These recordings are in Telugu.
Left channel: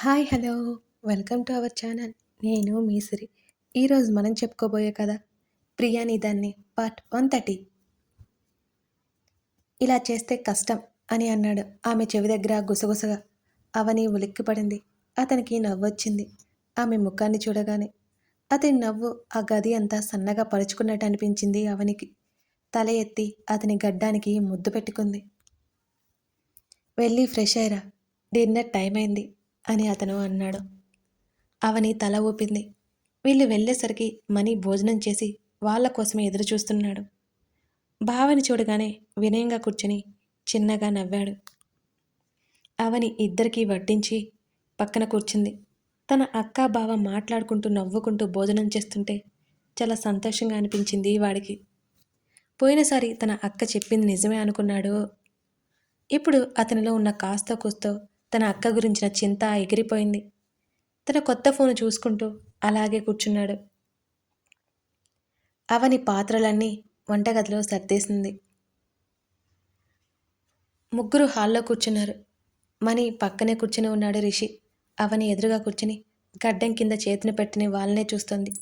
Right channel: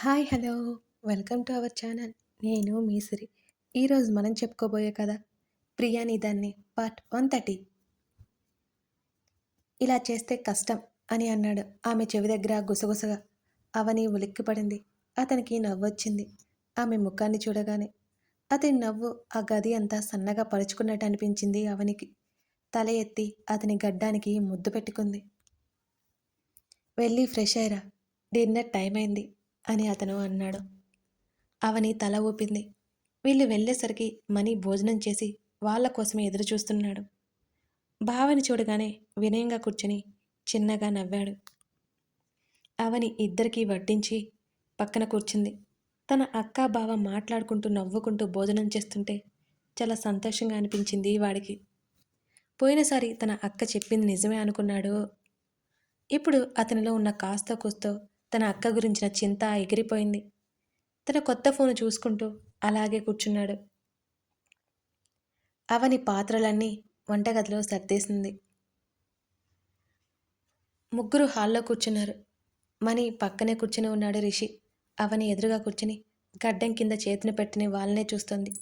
Hi hello. Welcome to our channel. నేను మీసిరి ఈరోజు మనం చెప్పుకోబోయే కదా ప్రియాని దాన్ని పార్ట్ వన్ థర్టీ. ఇలా చేస్తే కష్టం అని అన్నాడు. ఆమె చెవి దగ్గర గుసగుసగా అవని ఉలిక్కిపడింది. అతనికి నవ్వొచ్చింది ఆమె ముఖాన్ని చూడగానే అతని నవ్వు ఆ గది అంతా సన్నగా పరుచుకున్నట్టు అనిపించింది అవనికి. తల ఎత్తి అతని గడ్డానికి ముద్దు పెట్టుకుంది. వెళ్ళి ఫ్రెష్ అయ్యరా. డిన్నర్ టైం అయింది. అని అతను అన్నాడు. అవని తల ఊపింది. వీళ్ళు వెళ్ళేసరికి మనీ భోజనం చేసి వాళ్ళ కోసమే ఎదురు చూస్తున్నాడు బావని చూడగానే వినయంగా కూర్చుని చిన్నగా నవ్వాడు. అవని ఇద్దరికీ వడ్డించి పక్కన కూర్చుంది. తన అక్క బావ మాట్లాడుకుంటూ నవ్వుకుంటూ భోజనం చేస్తుంటే చాలా సంతోషంగా అనిపించింది వాడికి. పోయినసారి తన అక్క చెప్పింది నిజమే అనుకున్నాడు. ఇప్పుడు అతనిలో ఉన్న కాస్త కూస్తో తన అక్క గురించిన చింత ఎగిరిపోయింది. తన కొత్త ఫోను చూసుకుంటూ అలాగే కూర్చున్నాడు. అవని పాత్రలన్నీ వంటగదిలో సర్దేసింది. ముగ్గురు హాల్లో కూర్చున్నారు. మణి పక్కనే కూర్చుని ఉన్నాడు రిషి. అవని ఎదురుగా కూర్చుని గడ్డం కింద చేతిని పెట్టిన వాళ్ళనే చూస్తుంది.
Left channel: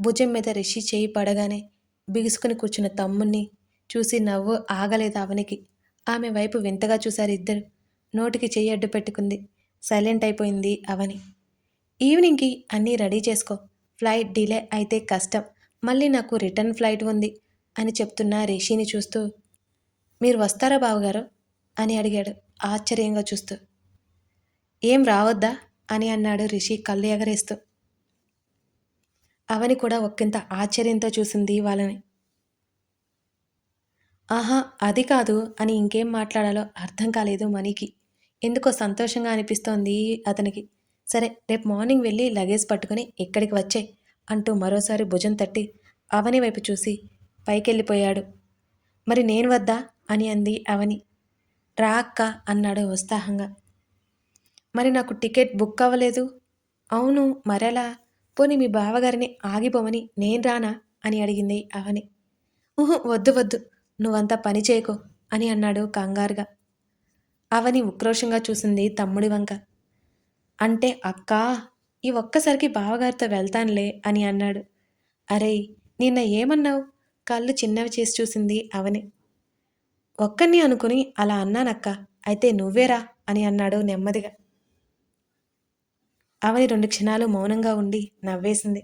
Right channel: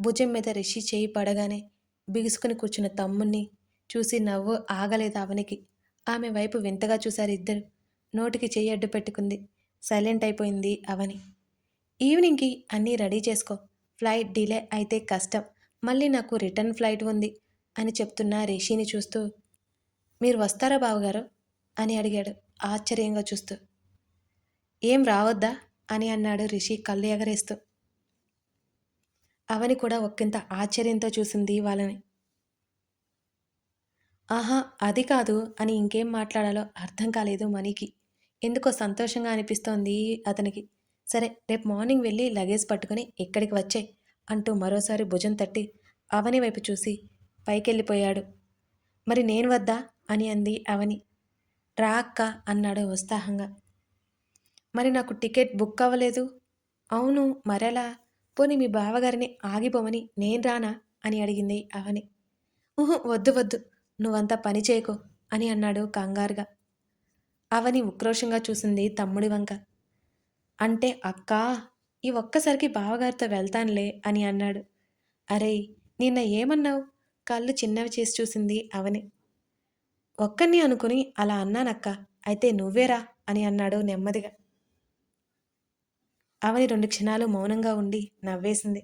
భుజం మీద రిషి చేయి పడగానే బిగుసుకుని కూర్చున్న తమ్ముణ్ణి చూసి నవ్వు ఆగలేదు అవనికి. ఆమె వైపు వింతగా చూశారు ఇద్దరు. నోటికి చెయ్యి అడ్డు పెట్టుకుంది. సైలెంట్ అయిపోయింది అవని. ఈవినింగ్కి అన్నీ రెడీ చేసుకో. ఫ్లైట్ డిలే అయితే కష్టం. మళ్ళీ నాకు రిటర్న్ ఫ్లైట్ ఉంది అని చెప్తున్న రిషిని చూస్తూ మీరు వస్తారా బావగారు? అని అడిగాడు ఆశ్చర్యంగా చూస్తూ. ఏం రావద్దా? అని అన్నాడు రిషి కళ్ళు ఎగరేస్తూ. అవని కూడా ఒక్కింత ఆశ్చర్యంతో చూసింది వాళ్ళని. ఆహా అది కాదు అని ఇంకేం మాట్లాడాలో అర్థం కాలేదు మనీకి ఎందుకో సంతోషంగా అనిపిస్తోంది అతనికి. సరే రేపు మార్నింగ్ వెళ్ళి లగేజ్ పట్టుకుని ఇక్కడికి వచ్చే అంటూ మరోసారి భుజం తట్టి అవని వైపు చూసి పైకెళ్ళిపోయాడు. మరి నేను వద్దా? అని అంది అవని. రా అక్క అన్నాడు ఉత్సాహంగా. మరి నాకు టికెట్ బుక్ అవ్వలేదు? అవును మరెలా? పోనీ మీ బావగారిని ఆగిపోమని నేను రానా? అని అడిగింది అవని. ఊహు వద్దు వద్దు నువ్వంతా పని చేయకో అని అన్నాడు కంగారుగా. అవని ఉక్రోషంగా చూసింది తమ్ముడి వంక. అంటే అక్కా ఈ ఒక్కసారికి బావగారితో వెళ్తానులే అని అన్నాడు. అరే నిన్న ఏమన్నావు? కళ్ళు చిన్నవి చేసి చూసింది అవని. ఒక్కరిని అనుకుని అలా అన్నానక్క అయితే నువ్వేరా అని అన్నాడు నెమ్మదిగా. అవని రెండు క్షణాలు మౌనంగా ఉండి నవ్వేసింది.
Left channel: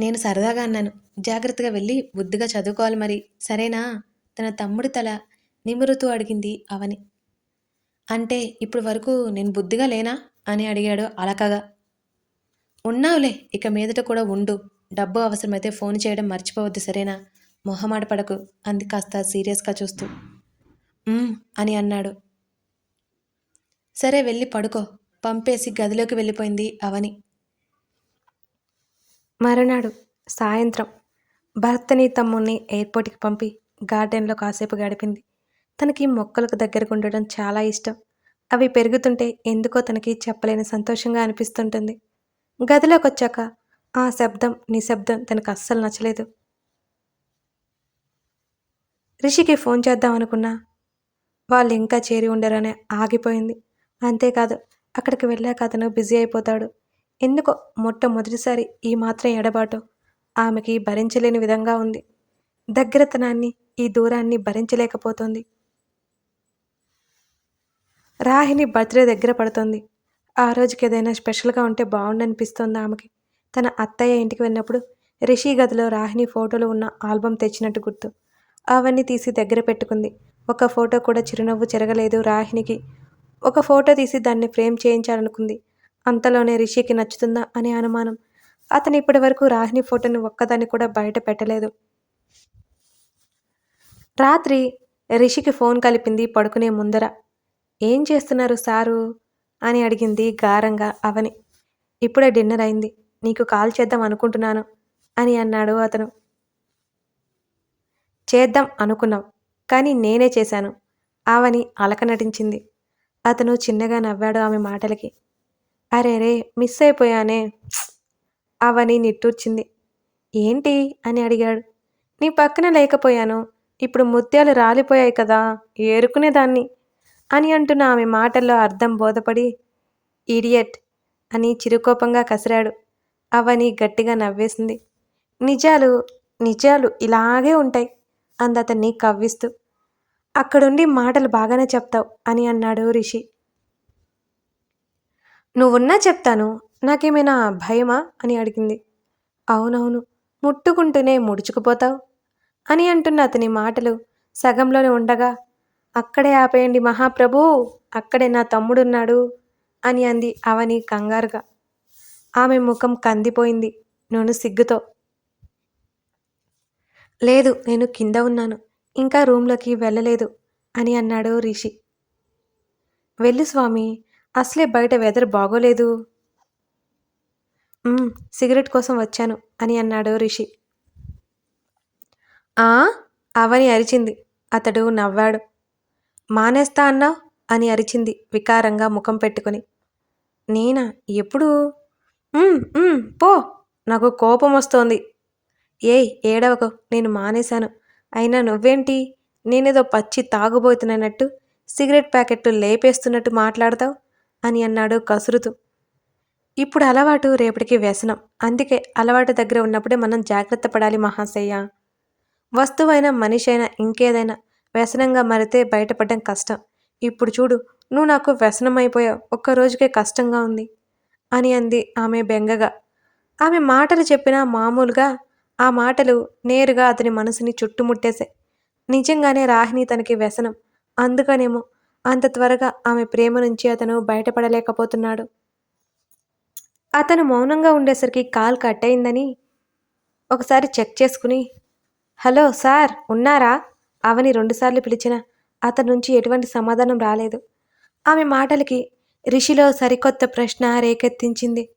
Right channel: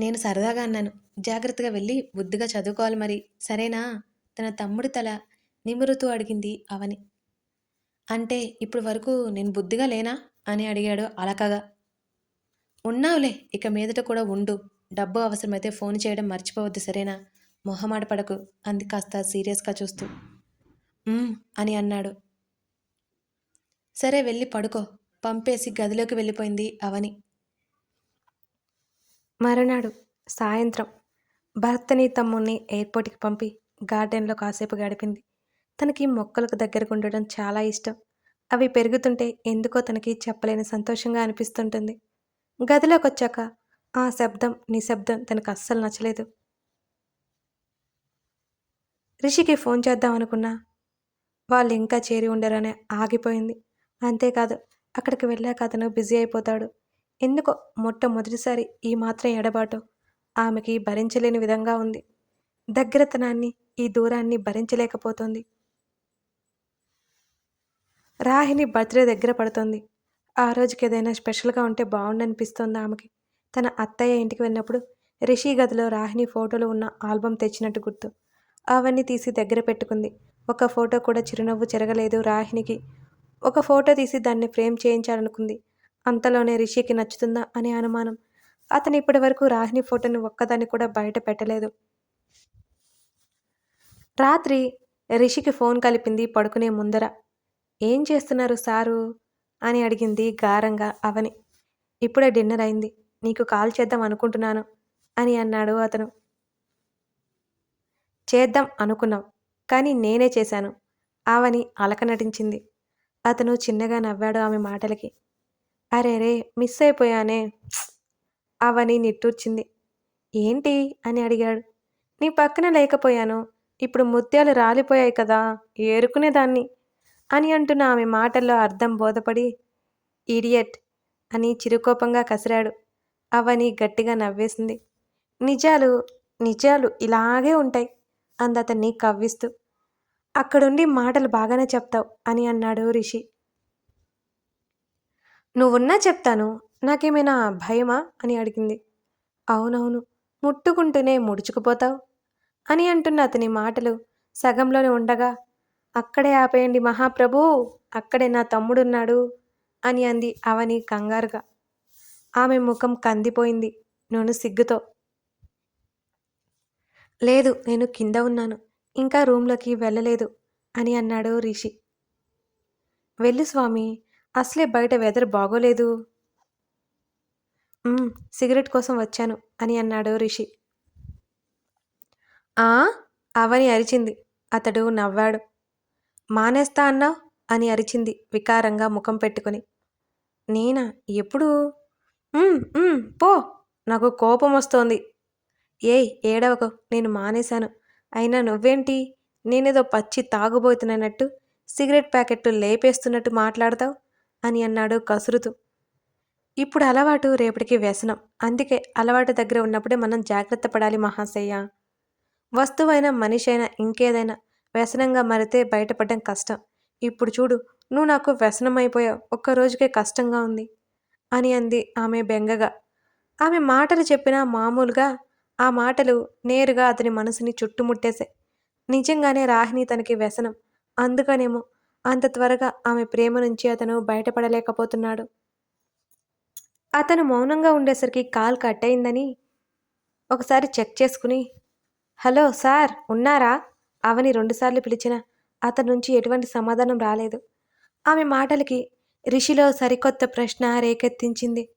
నేను సరదాగా అన్నాను జాగ్రత్తగా వెళ్ళి బుద్ధిగా చదువుకోవాలి మరి సరేనా? తన తమ్ముడి తల నిమురుతూ అడిగింది అవని. అంటే ఇప్పుడు వరకు నేను బుద్ధిగా లేనా? అని అడిగాడు అలకగా. ఉన్నావులే ఇక మీదట కూడా ఉండు. డబ్బు అవసరమైతే ఫోన్ చేయడం మర్చిపోవద్దు సరేనా? మొహమాట పడకు అంది కాస్త సీరియస్గా చూస్తూ. అని అన్నాడు. సరే వెళ్ళి పడుకో పంపేసి గదిలోకి వెళ్ళిపోయింది అవని. మరునాడు సాయంత్రం భర్తని తమ్ముణ్ణి ఎయిర్పోర్ట్కి పంపి గార్డెన్లో కాసేపు గడిపింది. తనకి మొక్కలకు దగ్గరకు ఉండడం చాలా ఇష్టం. అవి పెరుగుతుంటే ఎందుకో తనకి చెప్పలేని సంతోషంగా అనిపిస్తుంటుంది. గదిలోకి వచ్చాక ఆ శబ్దం నిశ్శబ్దం తనకు అస్సలు నచ్చలేదు. రిషికి ఫోన్ చేద్దాం అనుకున్నా. వాళ్ళు ఇంకా చేరి ఉండరనే ఆగిపోయింది. అంతేకాదు అక్కడికి వెళ్ళాక అతను బిజీ అయిపోతాడు. ఎందుకో మొట్టమొదటిసారి ఈ మాత్రం ఎడబాటు. ఆమెకి భరించలేని విధంగా ఉంది. దగ్గరతనాన్ని ఈ దూరాన్ని భరించలేకపోతుంది. రాహిని బర్త్డే దగ్గర పడుతుంది. ఆ రోజుకి ఏదైనా స్పెషల్గా ఉంటే బాగుండనిపిస్తోంది ఆమెకి. తన అత్తయ్య ఇంటికి వెళ్ళినప్పుడు రిషి గదిలో రాహిని ఫోటోలు ఉన్న ఆల్బమ్ తెచ్చినట్టు గుర్తు. అవన్నీ తీసి దగ్గర పెట్టుకుంది. ఒక ఫోటో కూడా చిరునవ్వు చెరగలేదు రాహినికి ఒక ఫోటో తీసి దాన్ని ఫ్రేమ్ చేయించాలనుకుంది. అంతలోనే రిషికి నచ్చుతుందా అనే అనుమానం. అతను ఇప్పటి వరకు రాహిని ఫోటోని ఒక్కదాన్ని కూడా బయట పెట్టలేదు. రాత్రి రిషికి ఫోన్ కలిపింది పడుకునే ముందర. ఏం చేస్తున్నారు సారు? అని అడిగింది గారంగా అవని. ఇప్పుడే డిన్నర్ అయింది. నీకు కాల్ చేద్దాం అనుకుంటున్నాను అని అన్నాడు అతను. చేద్దాం అనుకున్నాం కానీ నేనే చేశాను ఆవని అలక నటించింది. అతను చిన్నగా నవ్వాడు ఆమె మాటలకి. అరే రే మిస్ అయిపోయానే. అవని నిట్టూర్చింది. ఏంటి? అని అడిగాడు. నీ పక్కన లేకపోయాను. ఇప్పుడు ముత్యాలు రాలిపోయాయి కదా ఏరుకునేదాన్ని. అని అంటున్న ఆమె మాటల్లో అర్థం బోధపడి ఈడియట్ అని చిరుకోపంగా కసిరాడు. అవని గట్టిగా నవ్వేసింది. నిజాలు నిజాలు ఇలాగే ఉంటాయి అందతన్ని కవ్విస్తూ. అక్కడుండి మాటలు బాగానే చెప్తావు అని అన్నాడు రిషి. నువ్వున్నా చెప్తాను. నాకేమైనా భయమా? అని అడిగింది. అవునవును. ముట్టుకుంటూనే ముడుచుకుపోతావు అని అంటున్న అతని మాటలు సగంలోనే ఉండగా అక్కడే ఆపేయండి మహాప్రభు అక్కడే నా తమ్ముడున్నాడు అని అంది అవని కంగారుగా. ఆమె ముఖం కందిపోయింది. నూనె సిగ్గుతో. లేదు నేను కింద ఉన్నాను. ఇంకా రూమ్లోకి వెళ్ళలేదు అని అన్నాడు రిషి. వెళ్ళు స్వామి అసలే బయట వెదర్ బాగోలేదు. సిగరెట్ కోసం వచ్చాను అని అన్నాడు రిషి. ఆ? అవని అరిచింది. అతడు నవ్వాడు. మానేస్తా అన్నావు అని అరిచింది వికారంగా ముఖం పెట్టుకుని. నేనా? ఎప్పుడు? పో. నాకు కోపం వస్తోంది. ఏయ్ ఏడవకు. నేను మానేశాను. అయినా నువ్వేంటి? నేనేదో పచ్చి తాగుబోతున్నట్టు సిగరెట్ ప్యాకెట్లు లేపేస్తున్నట్టు మాట్లాడతావు? అని అన్నాడు కసురుతూ. ఇప్పుడు అలవాటు రేపటికి వ్యసనం. అందుకే అలవాటు దగ్గర ఉన్నప్పుడే మనం జాగ్రత్త పడాలి మహాశయ్య. వస్తువైనా మనిషి అయినా ఇంకేదైనా వ్యసనంగా మారితే బయటపడడం కష్టం. ఇప్పుడు చూడు నువ్వు నాకు వ్యసనం అయిపోయావు ఒక్క రోజుకే కష్టంగా ఉంది అని అంది ఆమె బెంగగా. ఆమె మాటలు చెప్పినా మామూలుగా ఆ మాటలు నేరుగా అతని మనసుని చుట్టుముట్టేశాయి. నిజంగానే రాహిణి తనకి వ్యసనం. అందుకనేమో అంత త్వరగా ఆమె ప్రేమ నుంచి అతను బయటపడలేకపోతున్నాడు. అతను మౌనంగా ఉండేసరికి కాల్ కట్ అయిందని ఒకసారి చెక్ చేసుకుని హలో సార్ ఉన్నారా? అవని రెండుసార్లు పిలిచిన అతని నుంచి ఎటువంటి సమాధానం రాలేదు. ఆమె మాటలకి రిషిలో సరికొత్త ప్రశ్న రేకెత్తించింది.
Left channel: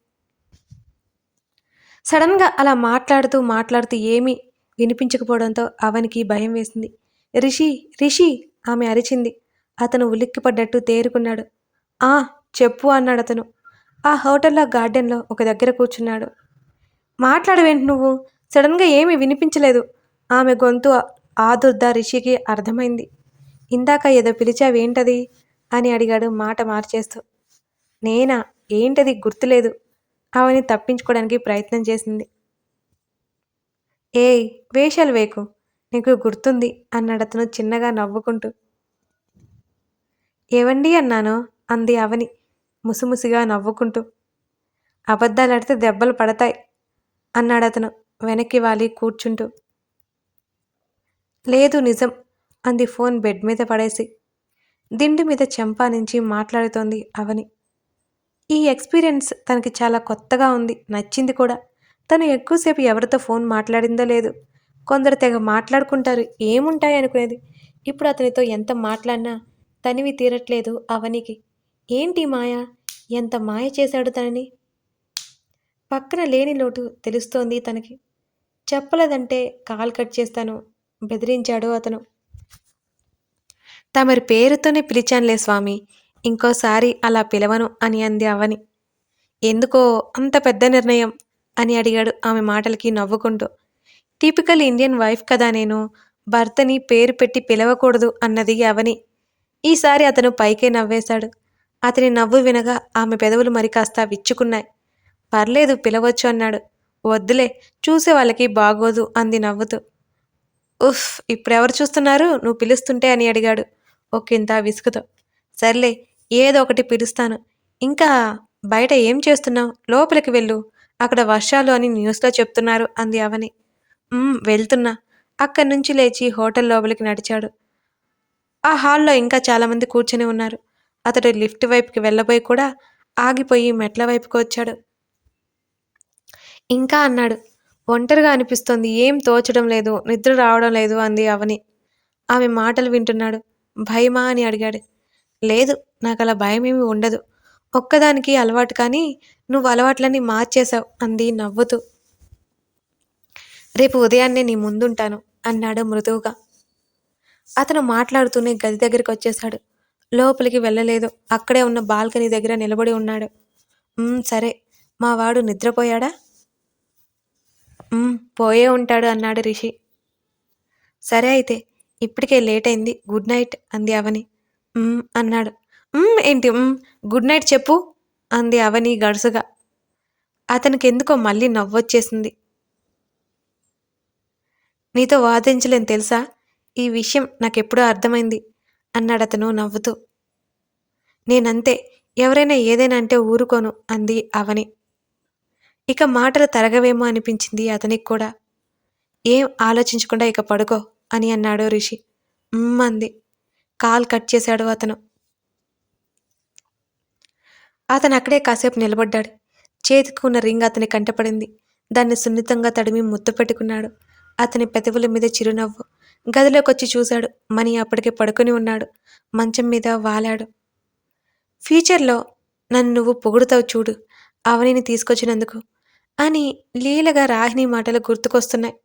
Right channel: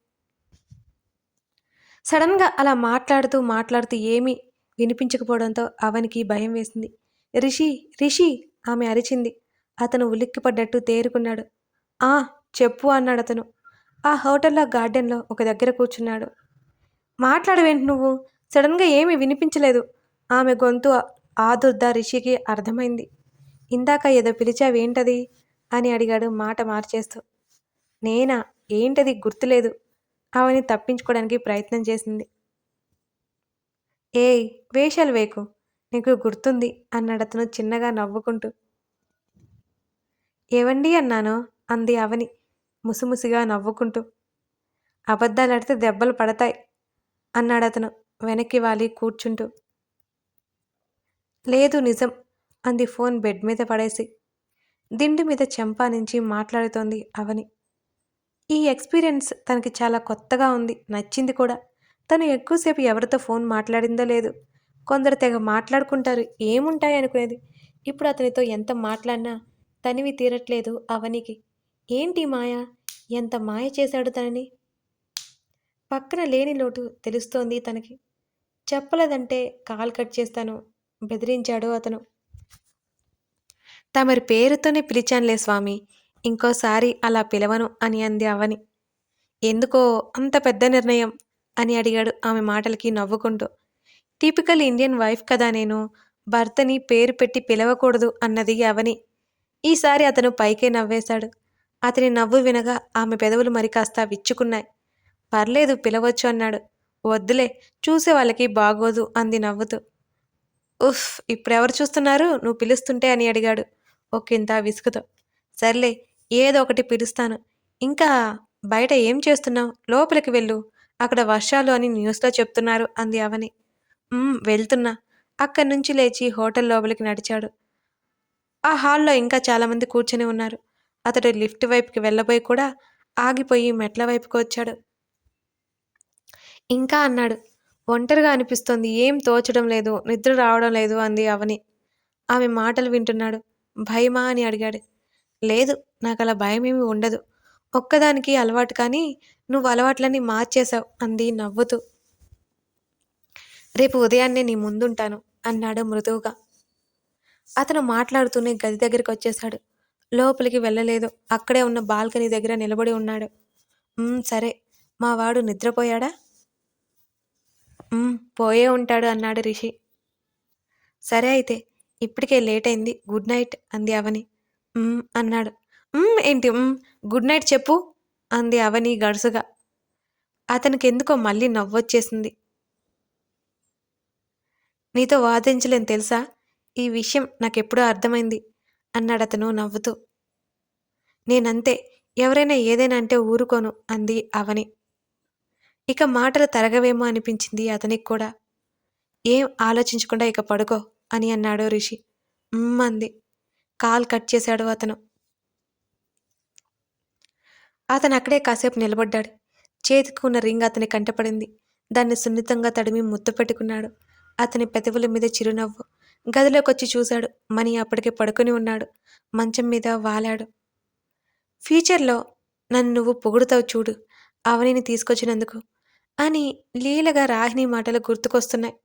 సడన్గా అలా మాట్లాడుతూ మాట్లాడుతూ ఏమీ వినిపించకపోవడంతో అవనికి భయం వేసింది. రిషి రిషి ఆమె అరిచింది. అతను ఉలిక్కిపడ్డట్టు తేరుకున్నాడు. ఆ చెప్పు అన్నాడు అతను ఆ హోటల్లో గార్డెన్లో ఒక దగ్గర కూర్చున్నాడు. మాట్లాడవేంటి నువ్వు? సడన్గా ఏమీ వినిపించలేదు. ఆమె గొంతు ఆదుర్ద రిషికి అర్థమైంది. ఇందాక ఏదో పిలిచావేంటది? అని అడిగాడు మాట మార్చేస్తూ. నేనా? ఏంటది? గుర్తులేదు. ఆమెని తప్పించుకోవడానికి ప్రయత్నం చేసింది. ఏయ్ వేషాలు వేకు. నీకు గుర్తుంది? అన్నాడు అతను చిన్నగా నవ్వుకుంటూ. ఏవండి అన్నాను? అంది అవని ముసిముసిగా నవ్వుకుంటూ. అబద్ధాలాడితే దెబ్బలు పడతాయి అన్నాడు అతను వెనక్కి వాలి కూర్చుంటూ. లేదు నిజం అంది ఫోన్ బెడ్ మీద పడేసి. దిండు మీద చెంపా నుంచి మాట్లాడుతోంది అవని. ఈ ఎక్స్పీరియన్స్ తనకి చాలా కొత్తగా ఉంది నచ్చింది కూడా. తను ఎక్కువసేపు ఎవరితో ఫోన్ మాట్లాడిందో లేదు. కొందరు తెగ మాట్లాడుకుంటారు ఏముంటాయి అనుకునేది. ఇప్పుడు అతనితో ఎంత మాట్లాడినా తనివి తీరట్లేదు అవనికి. ఏంటి మాయ? ఎంత మాయ చేశాడు తనని? పక్కన లేని లోటు తెలుస్తోంది తనకి. చెప్పలేదంటే కాల్ కట్ చేస్తాను బెదిరించాడు అతను. తమరి పేరుతోనే పిలిచానులే స్వామి ఇంకోసారి అలా పిలవను అని అంది అవని. ఎందుకో అంత పెద్ద నిర్ణయం అని అడిగాడు ఆమె మాటలకి నవ్వుకుంటూ. టిపికల్ ఇండియన్ వైఫ్ కదా నేను భర్తని పేరు పెట్టి పిలవకూడదు అన్నది అవని. ఈసారి అతను పైకే నవ్వేశాడు. అతని నవ్వు వినగా ఆమె పెదవులు మరి కాస్త విచ్చుకున్నాయి. పర్లేదు పిలవచ్చు అన్నాడు. వద్దులే చూసే వాళ్ళకి బాగోదు అంది నవ్వుతూ. ఉఫ్ ఇప్పుడెవరు చూస్తున్నారు? నువ్వు పిలుస్తుంటే అని అడిగాడు. ఒకంత విసుగుతో. సర్లే ఏదో ఒకటి పిలుస్తాను. ఇంకా బయట ఏం చేస్తున్నావు? లోపలికి వెళ్ళు. అక్కడ వర్షాలు అని న్యూస్లో చెప్తున్నారు అంది అవని. వెళ్తున్నా. అక్కడి నుంచి లేచి హోటల్ లోపలికి నడిచాడు. ఆ హాల్లో ఇంకా చాలామంది కూర్చొని ఉన్నారు. అతడు లిఫ్ట్ వైపుకి వెళ్ళబోయి కూడా ఆగిపోయి మెట్ల వైపుకి వచ్చాడు. ఇంకా అన్నాడు. ఒంటరిగా అనిపిస్తోంది. ఏం తోచడం లేదు. నిద్ర రావడం లేదు అంది అవని. ఆమె మాటలు వింటున్నాడు. భయమా అని అడిగాడు. లేదు నాకు అలా భయం ఉండదు. ఒక్కదానికి అలవాటు కానీ నువ్వు అలవాట్లన్నీ మార్చేశావు అంది నవ్వుతూ. రేపు ఉదయాన్నే నీ ముందుంటాను అన్నాడు మృదువుగా. అతను మాట్లాడుతూనే గది దగ్గరికి వచ్చేశాడు. లోపలికి వెళ్ళలేదు. అక్కడే ఉన్న బాల్కనీ దగ్గర నిలబడి ఉన్నాడు. సరే. మా వాడు నిద్రపోయాడా? పోయే ఉంటాడు అన్నాడు రిషి సరే అయితే ఇప్పటికే లేట్ అయింది గుడ్ నైట్ అంది అవని అన్నాడు. ఏంటి గుడ్ నైట్ చెప్పు అంది అవని గడుసుగా. అతనికి ఎందుకో మళ్ళీ నవ్వొచ్చేసింది. నీతో వాదించలేను తెలుసా ఈ విషయం నాకెప్పుడో అర్థమైంది అన్నాడు అతను నవ్వుతూ. నేనంతే ఎవరైనా ఏదైనా అంటే ఊరుకోను అంది అవని. ఇక మాటలు తరగవేమో అనిపించింది అతనికి కూడా. ఏం ఆలోచించకుండా ఇక పడుకో అని అన్నాడు రిషి. అంది. కాల్ కట్ చేశాడు అతను. అతను అక్కడే కాసేపు నిలబడ్డాడు. చేతికి ఉన్న రింగ్ అతని కంటపడింది. దాన్ని సున్నితంగా తడిమి ముద్దు పెట్టుకున్నాడు. అతని పెదవుల మీద చిరునవ్వు. గదిలోకొచ్చి చూశాడు. మణి అప్పటికే పడుకొని ఉన్నాడు. మంచం మీద వాలాడు. ఫ్యూచర్లో నన్ను నువ్వు పొగుడుతావు చూడు అవనిని తీసుకొచ్చినందుకు అని లీలగా రాహిణి మాటలు గుర్తుకొస్తున్నాయి.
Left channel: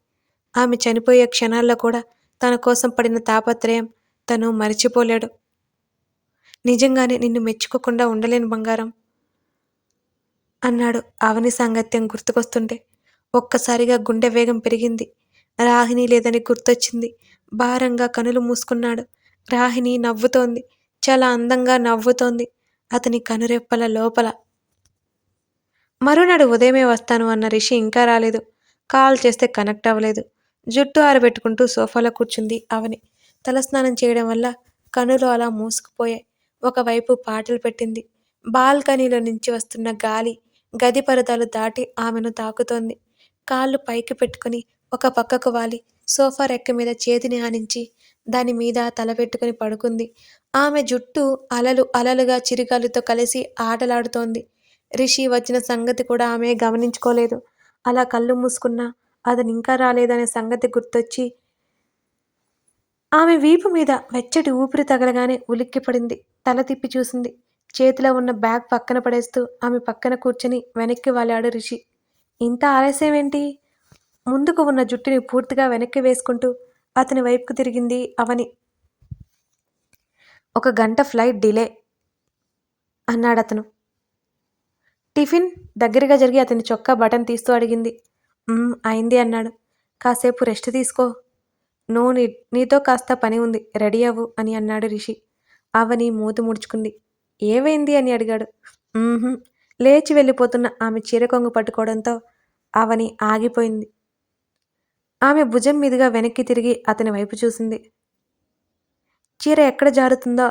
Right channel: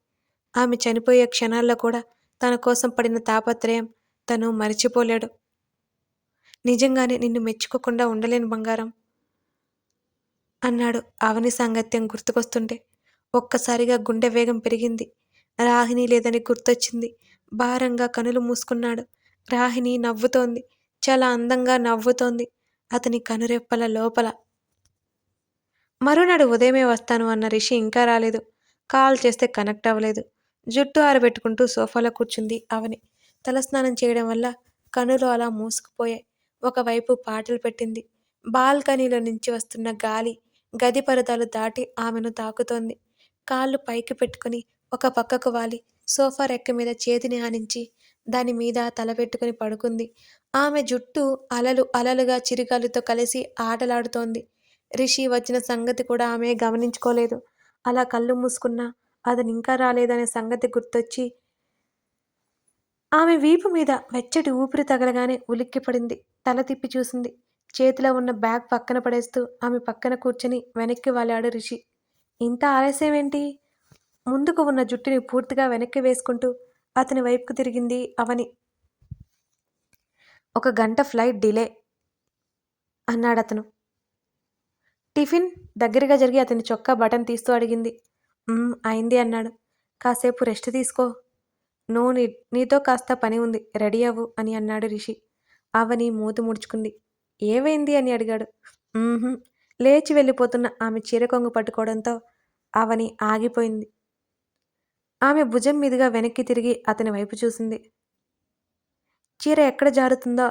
ఆమె చనిపోయే క్షణాల్లో కూడా తన కోసం పడిన తాపత్రయం తను మరిచిపోలేడు. నిజంగానే నిన్ను మెచ్చుకోకుండా ఉండలేను బంగారం అన్నాడు అవని సాంగత్యం గుర్తుకొస్తుంటే. ఒక్కసారిగా గుండె వేగం పెరిగింది. రాహిణి లేదని గుర్తొచ్చింది. భారంగా కనులు మూసుకున్నాడు. రాహిణి నవ్వుతోంది. చాలా అందంగా నవ్వుతోంది. అతని కనురెప్పల లోపల. మరునాడు ఉదయమే వస్తాను అన్న రిషి ఇంకా రాలేదు. కాల్ చేస్తే కనెక్ట్ అవ్వలేదు. జుట్టు ఆరబెట్టుకుంటూ సోఫాలో కూర్చుంది అవని. తలస్నానం చేయడం వల్ల కనులు అలా మూసుకుపోయాయి. ఒకవైపు పాటలు పెట్టింది. బాల్కనీలో నుంచి వస్తున్న గాలి గది పరదాలు దాటి ఆమెను తాకుతోంది. కాళ్ళు పైకి పెట్టుకుని ఒక పక్కకు వాలి సోఫా రెక్క మీద చేతిని ఆనించి దాని మీద తల పెట్టుకుని పడుకుంది. ఆమె జుట్టు అలలు అలలుగా చిరుగాలితో కలిసి ఆటలాడుతోంది. రిషి వచ్చిన సంగతి కూడా ఆమె గమనించుకోలేదు. అలా కళ్ళు మూసుకున్నా అతను ఇంకా రాలేదనే సంగతి గుర్తొచ్చి ఆమె వీపు మీద వెచ్చటి ఊపిరి తగలగానే ఉలిక్కిపడింది. తల తిప్పి చూసింది. చేతిలో ఉన్న బ్యాగ్ పక్కన పడేస్తూ ఆమె పక్కన కూర్చుని వెనక్కి వాలాడు రిషి. ఇంత ఆలస్యమేంటి? ముందుకు ఉన్న జుట్టుని పూర్తిగా వెనక్కి వేసుకుంటూ అతని వైపుకు తిరిగింది అవని. ఒక గంట ఫ్లైట్ డిలే అన్నాడతను. టిఫిన్ దగ్గరగా జరిగి అతని చొక్కా బటన్ తీస్తూ అడిగింది. అయింది అన్నాడు. కాసేపు రెస్ట్ తీసుకో. నో నీ నీతో కాస్త పని ఉంది రెడీ అవ్వు అని అన్నాడు రిషి. అవని మూతి ముడుచుకుంది. ఏమైంది అని అడిగాడు. లేచి వెళ్ళిపోతున్న ఆమె చీర కొంగు పట్టుకోవడంతో అవని ఆగిపోయింది. ఆమె భుజం మీదుగా వెనక్కి తిరిగి అతని వైపు చూసింది. చీర ఎక్కడ జారుతుందో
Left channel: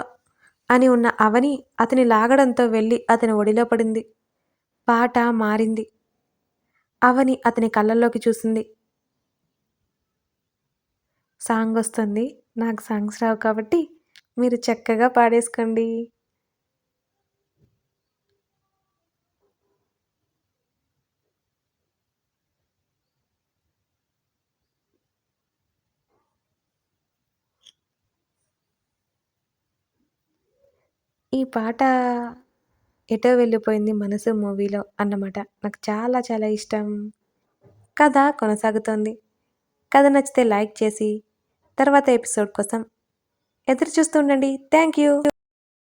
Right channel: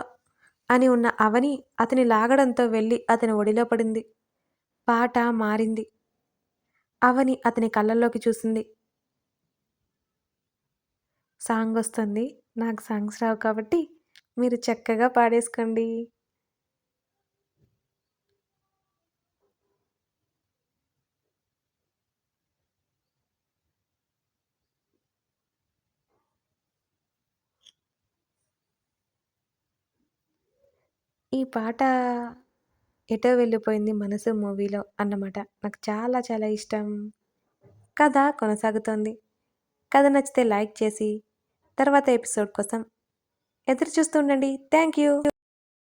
అని ఉన్న అవని అతని లాగడంతో వెళ్ళి అతని ఒడిలో పడింది. పాట మారింది. అవని అతని కళ్ళల్లోకి చూసింది. సాంగ్ వస్తుంది. నాకు సాంగ్స్ రావు కాబట్టి మీరు చక్కగా పాడేసుకోండి. ఈ పాట ఎటో వెళ్ళిపోయింది మనసు మూవీలో అన్నమాట. నాకు చాలా చాలా ఇష్టం. కథ కొనసాగుతోంది. కథ నచ్చితే లైక్ చేసి తర్వాత ఎపిసోడ్ కోసం ఎదురు చూస్తుండండి థ్యాంక్ యూ.